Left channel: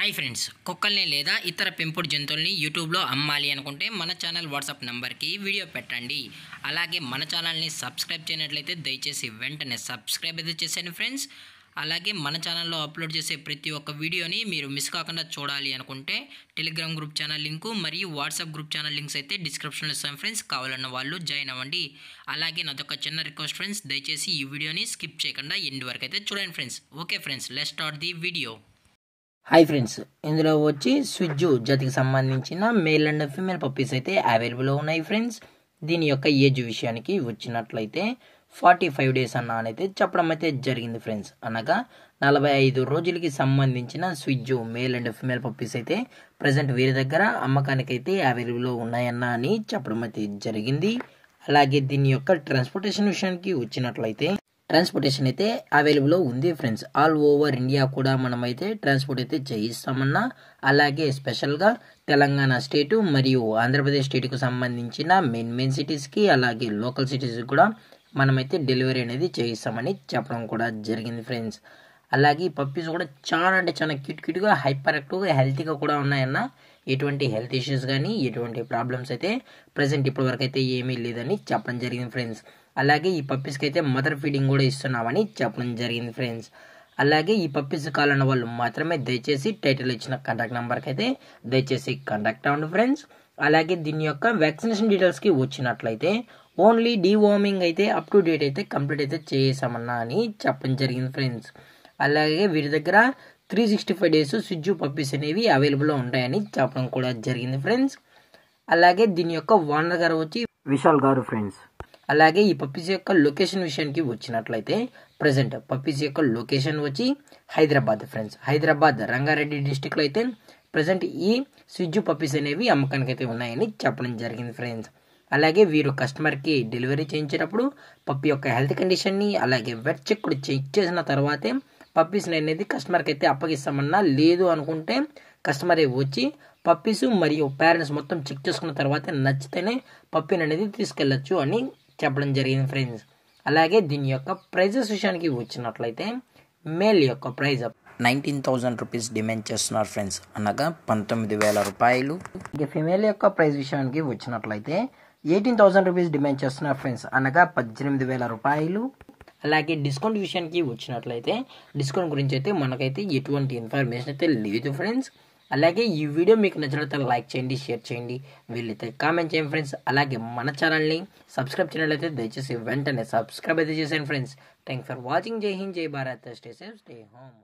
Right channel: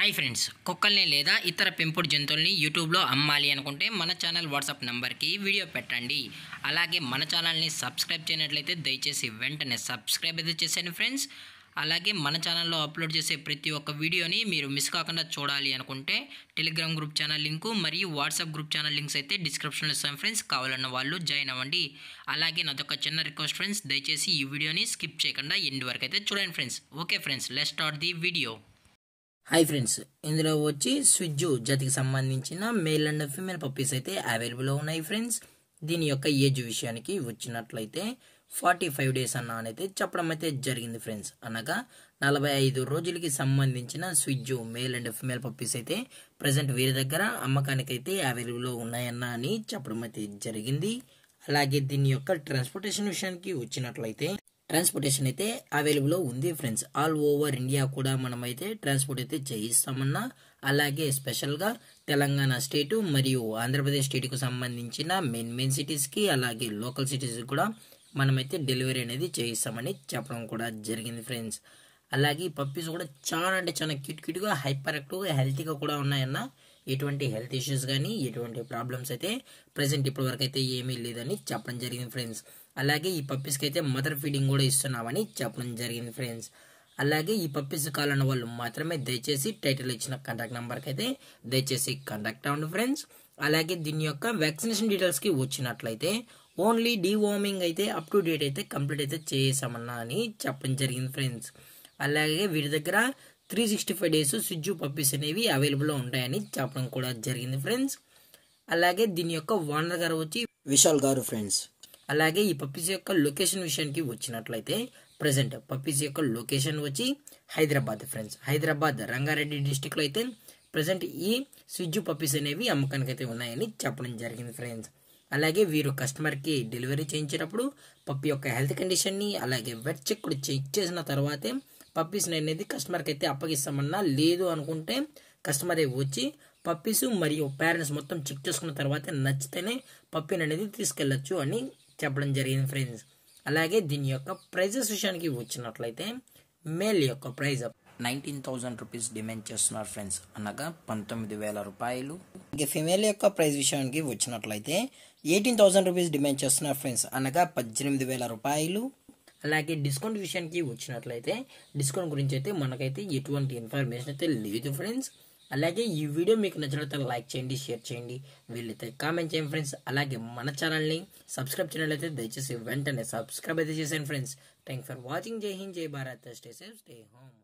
Hi friends, కుక్కల్ని లేదా ఇతర పెంపుడు జంతువుల్ని యూట్యూబ్లో అమ్మాలి అనుకుంటే మన ఛానల్ వాట్సాప్ నెంబర్కి వీడియో పెట్టండి. అలాగే మన ఛానల్ని సబ్స్క్రైబ్ చేయనట్లయితే దయచేసి వెంటనే సబ్స్క్రైబ్ అయితే చేసేయండి ఫ్రెండ్స్. అలాగే మన ఛానల్లో అప్లోడ్ చేసే ప్రతి ఒక్క వీడియోని మీరు మిస్ కాకుండా చూడాలి అనుకుంటే టెలిగ్రామ్ గ్రూప్ ఛానల్ లింకు మరియు వాట్సాప్ గ్రూప్ ఛానల్ లింక్స్ అయితే డిస్క్రిప్షన్లో ఇస్తాం ఫ్రెండ్స్. కావాలన్న వాళ్ళు జాయిన్ అవ్వండి. అలాగే నాదొక చిన్న రిక్వెస్ట్ ఫ్రెండ్స్, దయచేసి ఈ వీడియోని స్కిప్ చేయకుండా ఎండ్ వరకు అయితే చూడండి friends. Okay friends, let's start the video. Hi friends, ఇందులో వచ్చి స్విజ్జు జాతికి సంబంధించిన మేల్ అండ్ ఫీమేల్ పప్పీస్ అయితే అవైలబుల్లో ఉన్నాయి ఫ్రెండ్స్. దీని యొక్క ఏజ్ విషయానికి వచ్చినట్లయితే 45 డేస్ అయితే చెప్పడం అయితే జరిగింది ఫ్రెండ్స్. అనగా 45 రోజులకి సంబంధించిన స్విజ్జు మేల్ అండ్ ఫీమేల్ పప్పీస్ అయితే ప్రజెంట్ వీరి దగ్గర అమ్మకానికి అయితే అవైలబుల్లో ఉన్నాయని చెప్పడం అయితే జరిగింది. అలాగే దీని యొక్క ట్రాన్స్పోర్టేషన్ విషయానికి వచ్చినట్లయితే ట్రాన్స్పోర్టేషన్ అయితే అవైలబుల్లో ఉంది ఫ్రెండ్స్. ఆల్ ఓవర్ ఇండియా కూడా మనమైతే ట్రాన్స్పోర్ట్ అయితే చేయిస్తామన్నా. అలాగే స్పెషల్గా తెలంగాణ స్టేటు మరియు ఆంధ్రప్రదేశ్ స్టేట్కు సంబంధించిన మెయిన్ సిటీస్కి అలాగే లోకల్ సిటీస్కి కూడా మనమైతే డెలివరీ అనేది చేయిస్తామని చెప్పడం కూడా జరిగింది ఫ్రెండ్స్. అలాగే ఈ పప్పీస్ కూడా చాలా అంటే చాలా క్యూట్గా హైపర్ యాక్టివ్గా హెల్తీగా కూడా ఉన్నాయన్న. ఎటువంటి హెల్త్ ఇష్యూస్ కానీ ఎటువంటి ప్రాబ్లమ్స్ అయితే ప్రజెంట్ ఇప్పటి వరకు అయితే ఏమీ లేదని చెప్పడం జరిగింది ఫ్రెండ్స్. అలాగే ఈ పప్పీస్కి అయితే మదర్ ఫీడింగ్ కూడా ఇస్తున్నామని చెప్పడం జరిగింది ఫ్రెండ్స్. అలాగే ఈ పప్పీస్ కావాలన్న వాళ్ళు మాత్రమే దయచేసి టైటిల్ ఇచ్చిన కాంటాక్ట్ నెంబర్కి అయితే దయచేసి కాంటాక్ట్ అవ్వండి ఫ్రెండ్స్. అలాగే దీని యొక్క వ్యాక్సినేషన్ డీటెయిల్స్కి వచ్చినట్లయితే ఓన్లీ డీవార్మింగ్ అయితే అప్ టు డేట్ అయితే కంప్లీట్ అయితే చేసామన్నా అని చెప్పడం జరిగింది ఫ్రెండ్స్. అలాగే వీరి దగ్గర 365 డేస్ స్విజ్జు పప్పీస్ అనేవి అవైలబుల్లో ఉంటాయని చెప్పడం కూడా జరిగింది ఫ్రెండ్స్. అలాగే దీని యొక్క ఓనర్ గారు వచ్చి విశాల్ గారు ఫ్రెండ్స్. అలాగే ఈ పప్పీస్ యొక్క లొకేషన్ విషయానికి వచ్చినట్లయితే ప్రజెంట్ పప్పీస్ యొక్క లొకేషన్ వచ్చి హైదరాబాద్ ఫ్రెండ్స్. హైదరాబాద్ రంగారెడ్డి డిస్టిక్లో అయితే ప్రజెంట్ ఈ స్విజ్జు పప్పీస్ అనేవి అమ్మకానికి అయితే ఉన్నాయని చెప్పడం జరిగింది ఫ్రెండ్స్. అలాగే వీరు కస్టమర్కి డెలివరీ చేయించేటప్పుడు పప్పి యొక్క హెల్త్ కండిషన్ని అలాగే వెట్ చెక్ కూడా చెక్ చేసిన తర్వాతే పప్పీస్ని అనేది కస్టమర్కి అయితే అప్పగిస్తామన్నా. లేదు అనుకుంటే కస్టమరే వచ్చి పప్పీస్ మరియు పేరెంట్స్ మొత్తం చెక్ చేసుకున్న తర్వాత నచ్చితేనే పప్పీని అనేది తీసుకెళ్ళచ్చు అని చెప్పడం జరిగింది ఫ్రెండ్స్. అలాగే దీని యొక్క ప్రైజెస్ విషయానికి వచ్చినట్లయితే మేల్ యొక్క ప్రైజ్ 19,000 రూపీస్ డిమాండ్ చేస్తున్నారు ఫ్రెండ్స్, అనగా 19,000 రూపాయలు. ఫీమేల్ యొక్క ప్రైజ్ విషయానికి వచ్చినట్లయితే 18,000 రూపీస్ డిమాండ్ చేస్తున్నారు ఫ్రెండ్స్, అనగా 18,000 రూపాయలు. అలాగే డిస్కౌంట్ విషయానికి వచ్చినట్లయితే డిస్కౌంట్ గురించి అయితే మనకైతే ఎటువంటి ఇన్ఫర్మేషన్ అయితే లేదు ఫ్రెండ్స్. అలాగే ఈ వీడియో మీకు నచ్చినట్లయితే లైక్ చేయండి, షేర్ చేయండి, వీళ్ళైతే కామెంట్ చేయండి ఫ్రెండ్స్. అలాగే మన ఛానల్ని సబ్స్క్రైబ్ చేయనట్లయితే దయచేసి వెంటనే సబ్స్క్రైబ్ అయితే చేసేయండి ఫ్రెండ్స్. Thanks for watching. జై హింద్, జై Bharat, stay safe, stay home.